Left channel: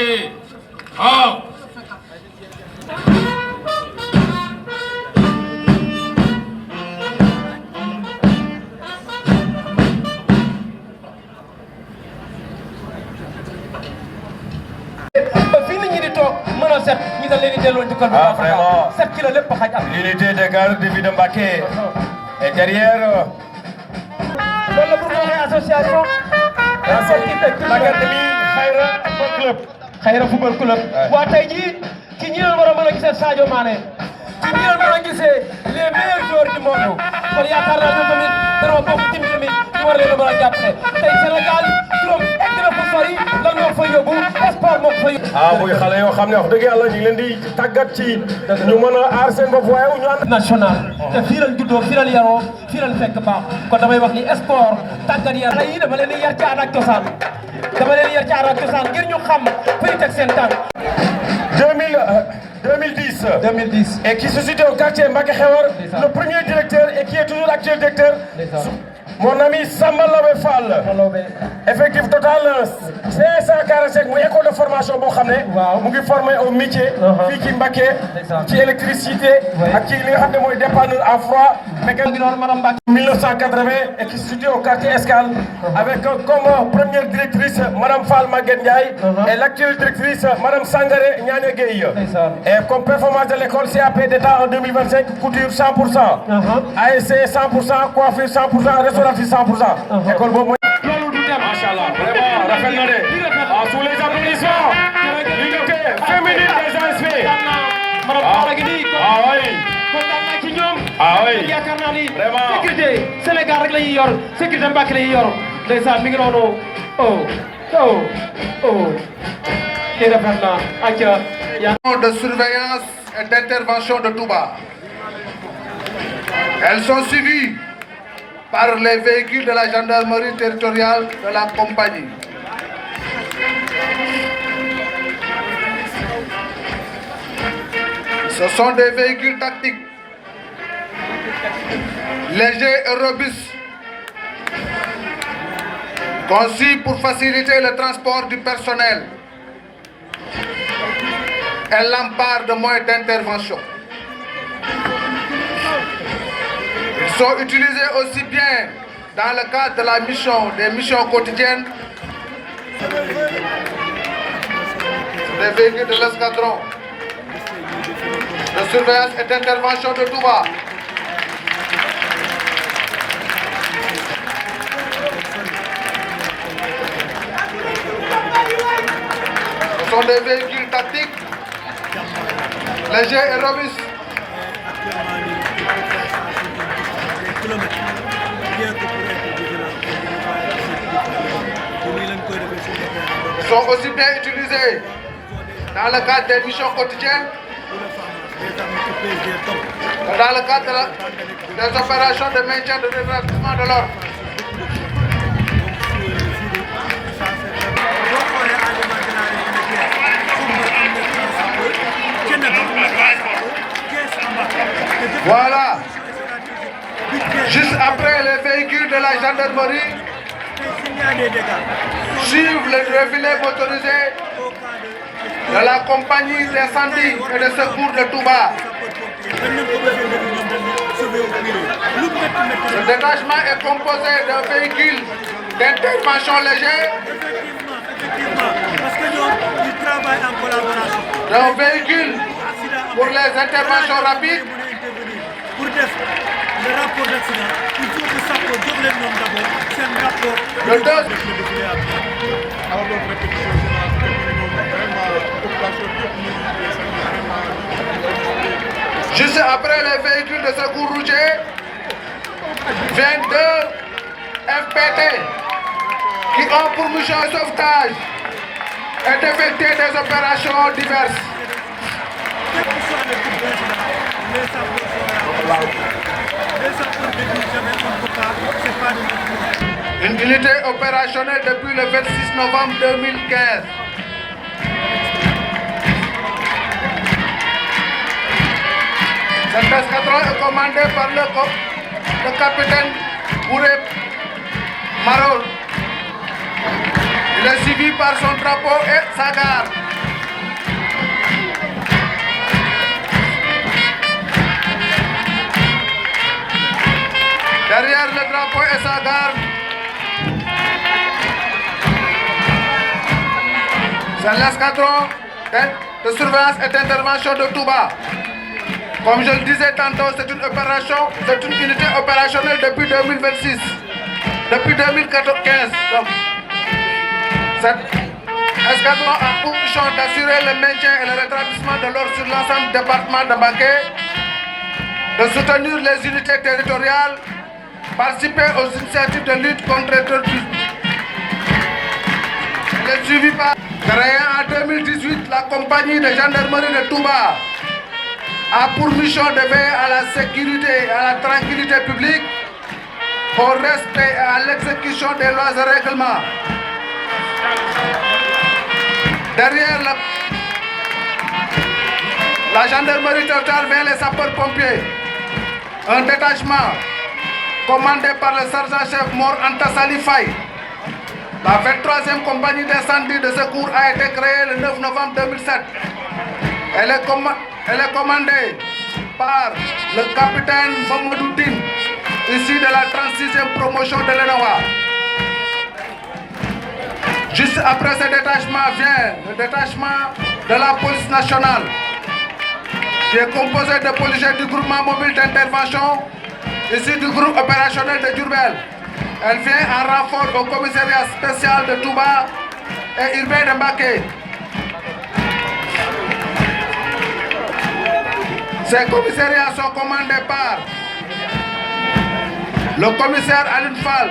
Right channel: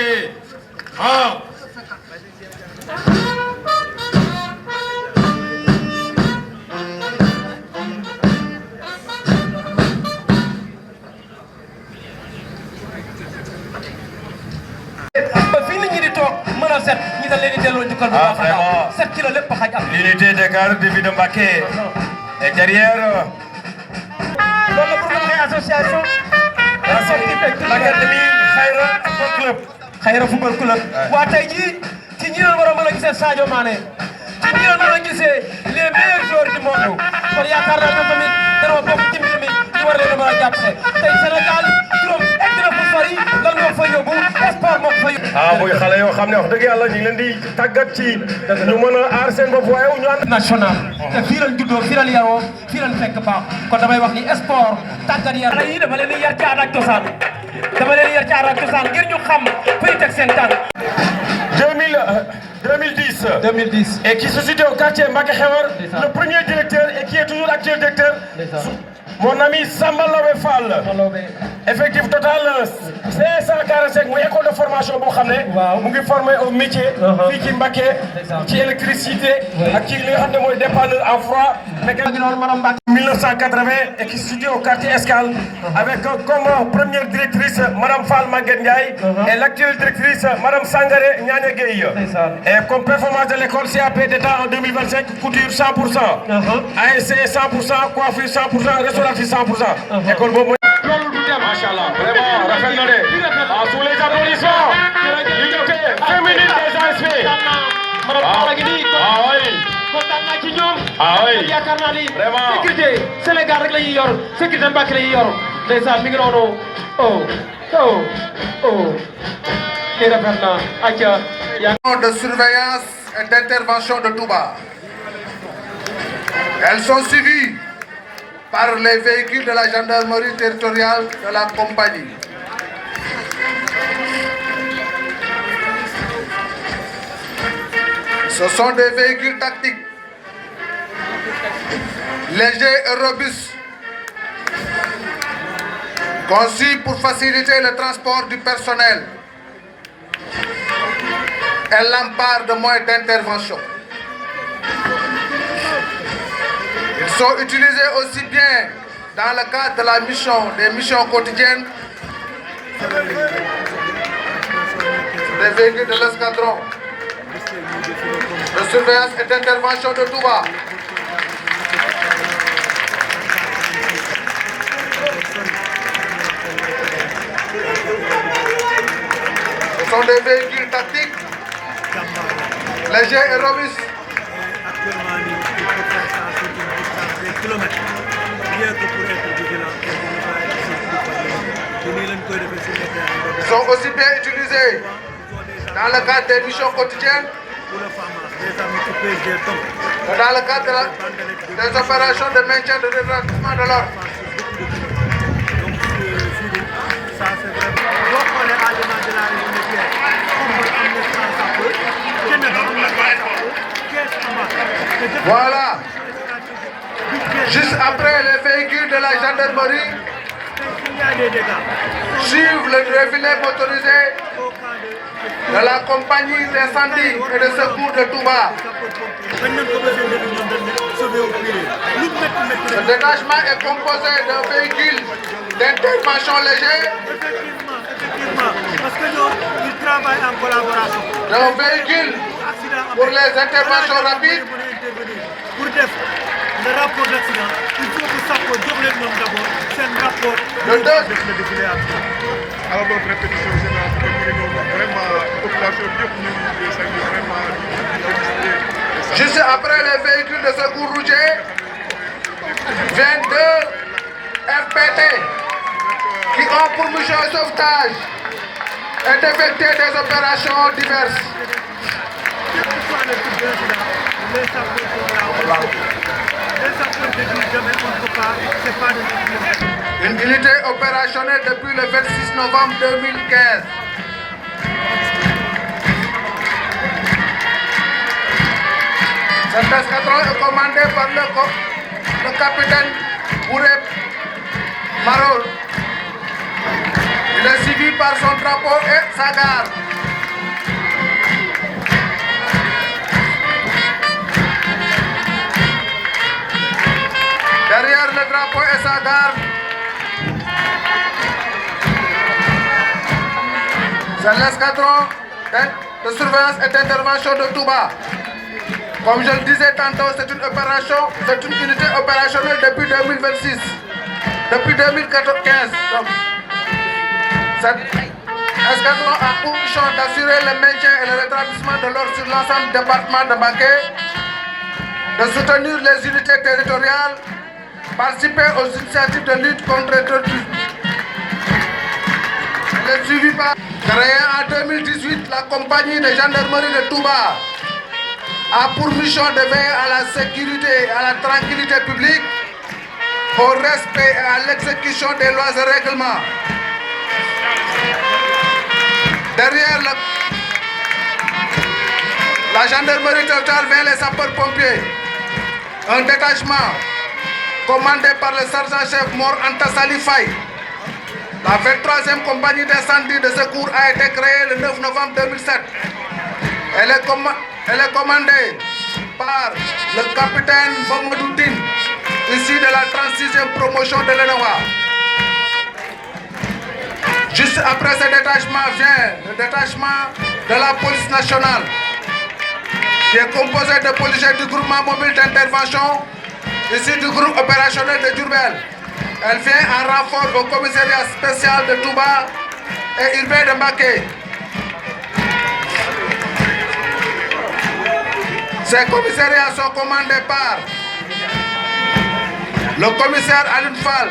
Mbacké. Ah. L'unité des gardes de ville de Mbacké est derrière. L'association l'académie Khayra Football Club. Waa tey jii ci ñi war a mën a gisee Sadio Mané ci ñi mën a gisee les meilleurs joueurs du monde kon yaakaar naa ñoom tamit dañoo bokk ci mbir mi ñu war leen a mën a jàppale tey Sénégal juróom egg na fu sori lan moo fa yóbbu sport moo ko fa yóbbu. muy xale yoo xam ne wax dëgg yàlla ñu ngi leen di tàggat ci ñu mën a aar seen bopp waaye ñu ànd national te fii lañ juddoo fii lañ yaroo fii lañ fekk baax kon damay wax ni sport tàggat yar yi dafa leen di yar ci aada ak cosaan dafa leen di yar ci aada ak cosaan ngir ñu xam fuy teg seen tànk 2010 et qui se situe au quartier Mbacké Xewar, le premier directeur et qui est toujours actuel directeur, mon ami Samba Lawé Fall. Effectif total 545 muy école de formation boo xam ne mu ngi formé au métier fii ci Mbacké ci électricité ak ci li nga xam ne mooy dépanneur en froid mécanique 1980 et qui se situe au quartier Escale avec comme première directrice Madame Fall Maguette Ndiaye et l'actuelle directrice Madame Sangaré Niané Gueye. Et comme performance de l'école CAP d'État en 2025 couture 100%, ASC 100%, coiffure 100%, restauration 100%. École boobu Machallah, vraiment, rafet na de. Sous les applaudissements, l'unité féminine des ASP. Kontaan naa ci ñoom. Yaakaar naa ni sécurité Sénégal rek la ñuy yor sécurité Mbacké la ñuy yor ndeysaan mi ngi noonu kii rafet na acca de surveillance et d'intervention de Touba. Elles sont suivies par les véhicules de la gendarmerie territoriale de la compagnie. Ce sont des véhicules tactiques, légers et robustes, conçus pour faciliter le transport du personnel et l'empare de moyens d'intervention. Ils sont utilisés aussi bien dans le cadre de la mission, des missions quotidiennes, des véhicules de l'escadron de surveillance et d'intervention de Touba. Ce sont des véhicules tactiques, légers et robustes. Ils sont aussi bien utilisés dans le cadre des missions quotidiennes, dans le cadre des opérations de maintien de rétablissement de l'ordre. Voilà. Juste après, les véhicules de la gendarmerie suivent le défilé motorisé de la compagnie d'incendie et de secours de Touba. Le détachement est composé d'un véhicule d'intervention léger, d'un véhicule pour les interventions rapides. Le rapport d'accident, il faut que ça soit double d'abord, c'est un rapport. Le dos. Alors donc répétition générale, vraiment population vraiment. Juste après les véhicules de secours routier, viennent deux FPT qui ont pour mission de sauvetage et d'effectuer des opérations diverses. Une unité opérationnelle depuis le 26 novembre 2015. Cet escadron est commandé par le capitaine Bouré Marol. Il est suivi par son drapeau et sa garde. et sa garde. C'est l'escadron de surveillance et d'intervention de Touba. Comme je le disais tantôt, c'est une unité opérationnelle depuis 2026, depuis 2015. Donc, cet escadron a pour mission d'assurer le maintien et le rétablissement de l'ordre sur l'ensemble du département de Mbacké, de soutenir les unités territoriales, participer aux initiatives de lutte contre le terrorisme. Le suivi par créé en 2018, la compagnie de gendarmerie de Touba a pour mission de veiller à la sécurité et à la tranquillité publique, au respect et à l'exécution des lois et règlements. Derrière la gendarmerie totale vient les sapeurs-pompiers, un détachement commandé par le sergent-chef Mor Anta Sali Faye. La 23e compagnie d'incendie de secours a été créée le 9 novembre 2007. Elle est commandée par le capitaine Mamadou Tine, issu de la 36e promotion de l'ENOA. Juste après ce détachement vient le détachement de la police nationale, qui est composé de policiers du groupement mobile d'intervention, issu du groupe opérationnel de Diourbel. Elle vient en renfort au commissariat spécial de Touba et urbain de Mbacké. Ces commissariats sont commandés par le commissaire Alioune Fall,